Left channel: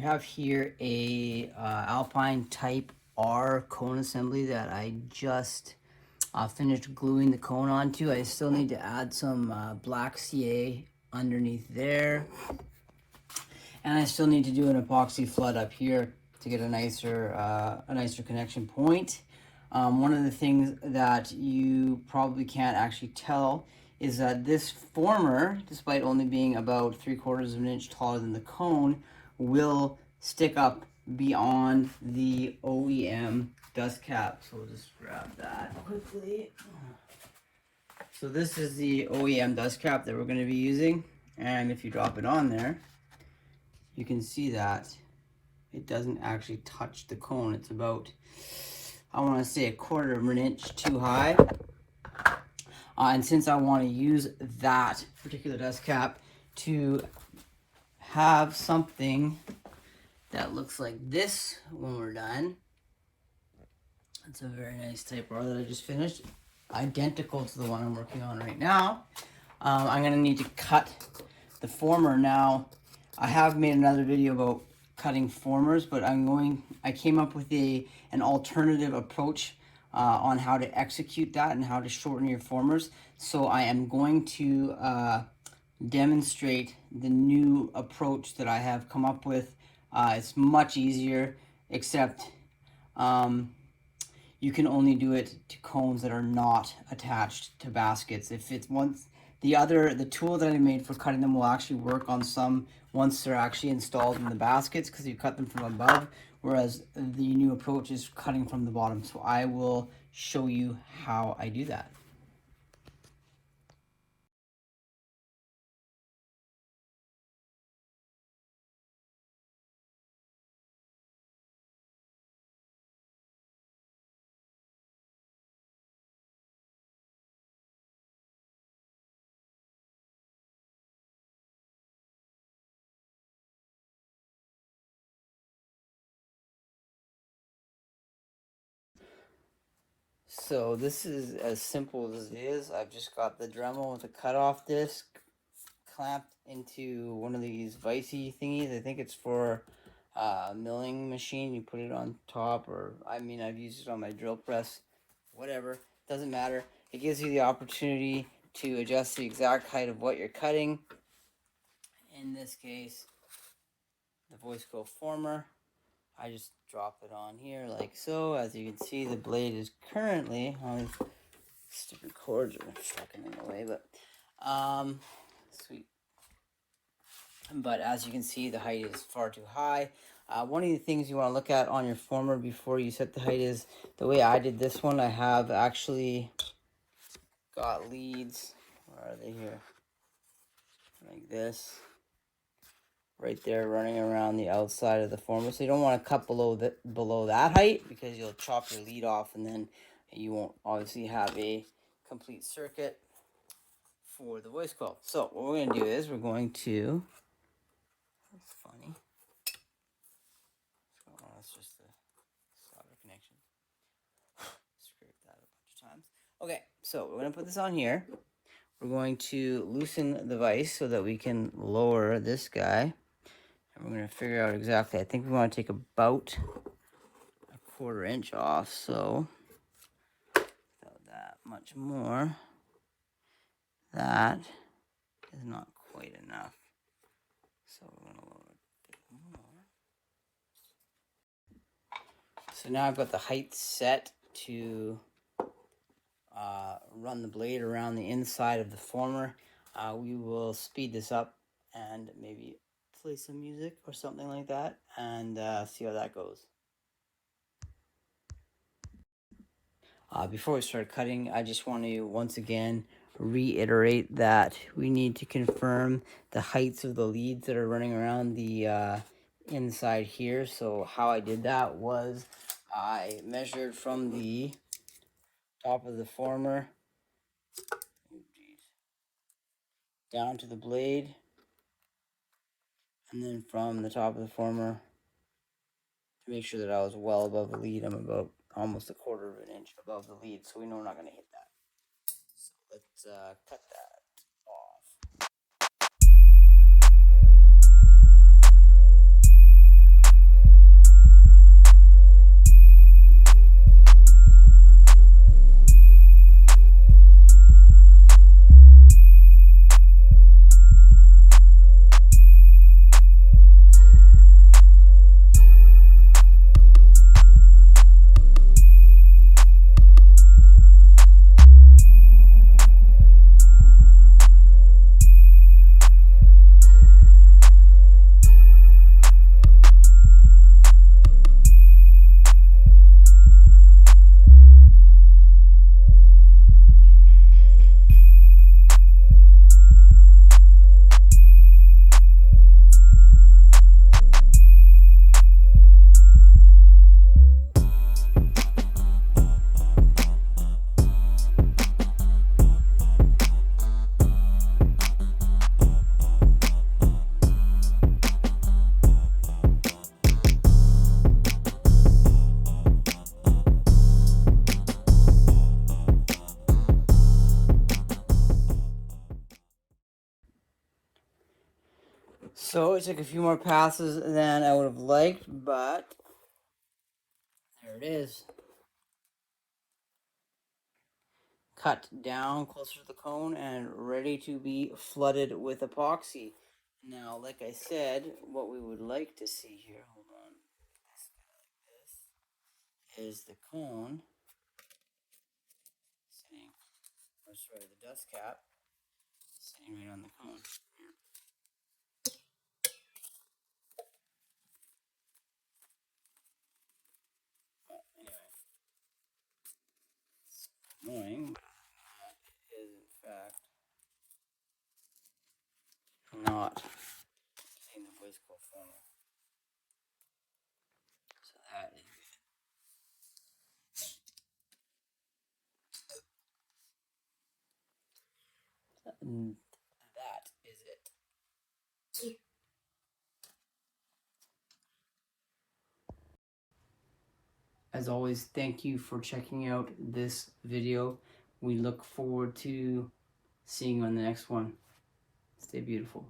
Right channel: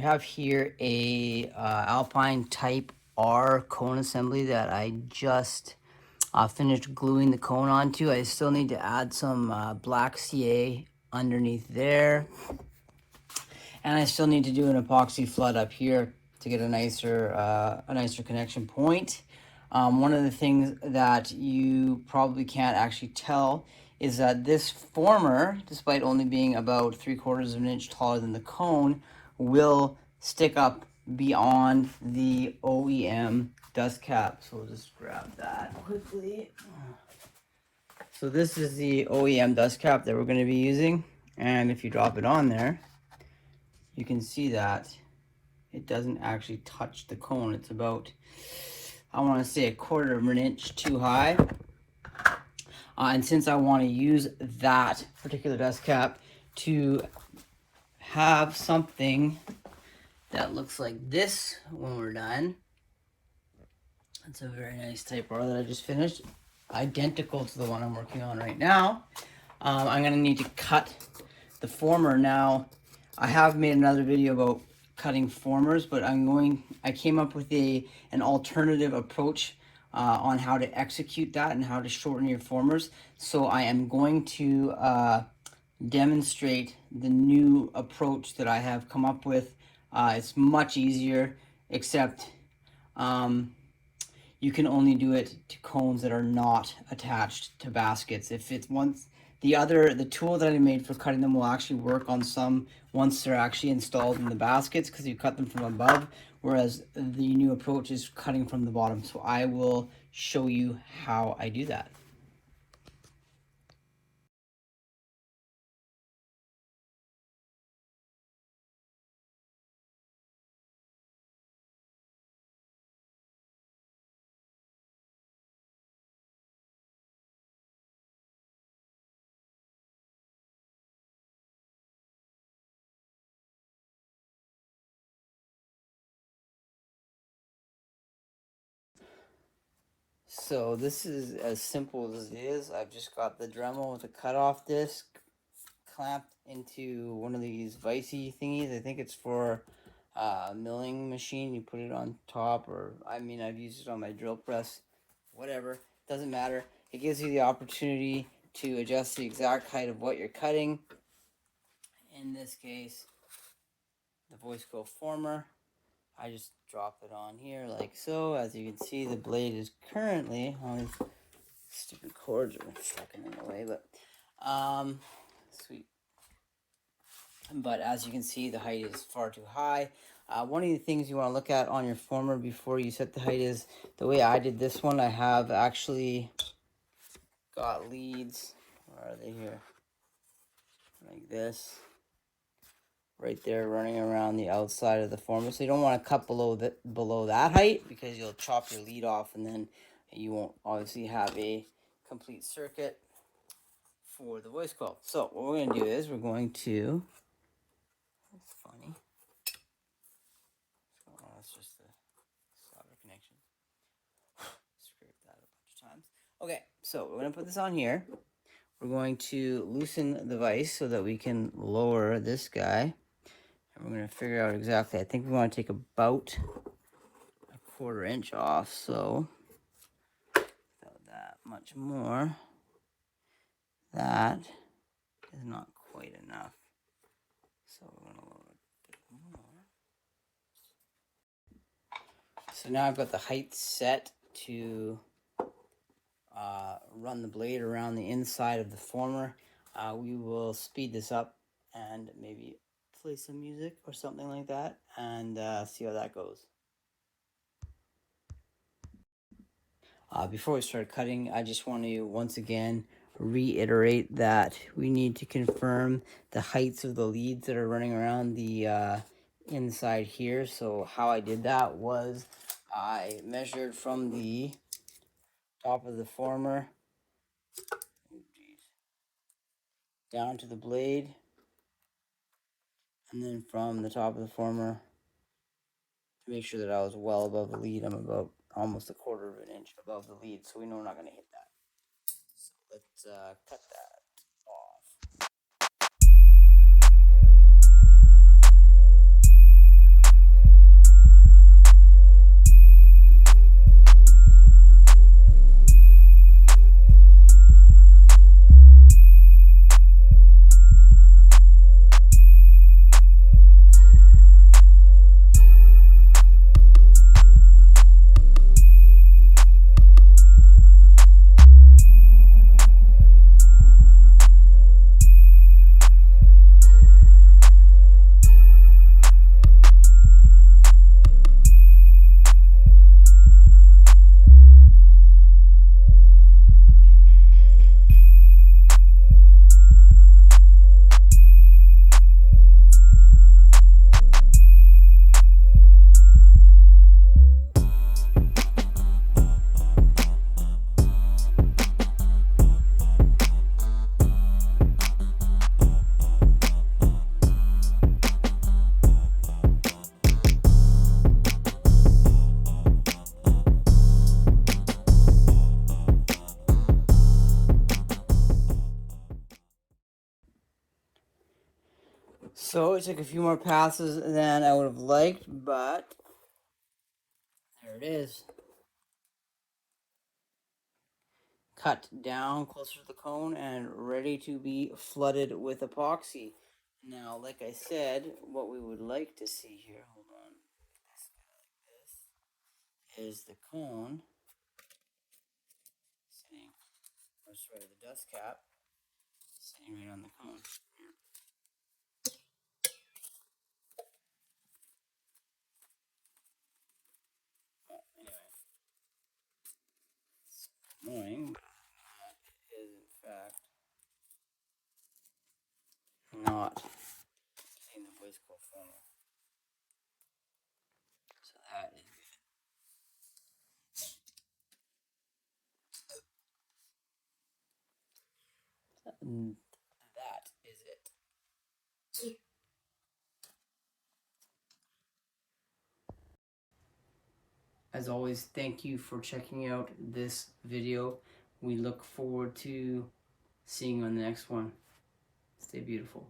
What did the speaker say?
We have here a Alpine Type R cone assembly that I just finished gluing the cone onto. I still need to add some black CA underneath there. And I still need to do an epoxy flood up here to get a nicer connection point. One of the things that you probably can't actually tell is that this former, despite only being about 3/4 of an inch taller than the cone, will stick up beyond the OEM dust cap. So we'll just grab that quickly. So this is the OEM dust cap that we're going to be using, and if you drop it on there, you can see that it doesn't actually touch the cone. It's about, I want to say, 1/4 of an inch too high. And since I want to use that particular dust cap to have something that looks like this when we're done, it's a very nice Type R that I just finished, identical to the one I'm working on right now. I'm going to need to cut the former. Now, I have made another video about cutting formers, but I came up with an alternative approach on how to execute that and how to shorten your formers. So I am going to demonstrate the new approach that I have come up with. It's much easier, except you can only do it to cones that are not attached to baskets. If it's the tool that I made for cutting them will actually work on some once they're actually installed in the baskets, because you cut them from above, whereas the new approach is cutting from the bottom. So I will show you how I do that. So this is as simple as it is. I've just got the Dremel with a cutoff disc clamped into one of these vicey thingies. I think it's for a milling machine. You put it on top, or I've used it on my drill press. Whatever, doesn't matter. It gives you the opportunity to adjust the exact height of what you're cutting. In this case, the voice coil former. I just drop it on here like so. As you can see, the blade is currently on stupid cords. I'm sticking in the way, but sweet. But as you can see, the height is far too high. One of the things you want to look at on your former before you set the height is the way I did this one. I have actually got leads. Where are they here? Like this. Right there, running around the outside of the former. So you don't want to cut below that height, because you'll chop your lead off, and then you won't obviously have a complete circuit for the voice coil. So what we're going to do is we're going to, that's funny, oh, that's just the solder connection. Screwed that a bunch of times. Okay, so we're going to put this on here. We're going to loosen the vise so that we can lower this guy. And we're going to figure out exactly, I think we want to take about 1/4 inch off, so about that much more. That is not quite enough, so we're going to lower it a bit more. So now I've got the height set to run the blade around the inside of the former. We will speed this up and maybe play some music or something like that, and see how that goes. Before we start cutting, I just want to once again reiterate that we need to confirm the heights of the leads that are running around the inside here. So how I did that was I measured from the top of the former down to the blade, and then from the top of the former to make sure that I was well above the lead. I'm about almost 1/4 of an inch above the lead, so we know I'm not going to hit that. So let's cut that off. So it took a few more passes than I would have liked, but there it is. Cut down closer to the cone and ready to be flooded with epoxy. Now, like I said, what we would like to see here, hold on, is the cone sitting, or sorry, the dust cap sitting right on the cone. But anyway, knowing that is in fact not in the Briscoe funnel. So that is good. That is it. As always, thank you for checking out this video. We look forward to seeing you on the next one. Stay beautiful.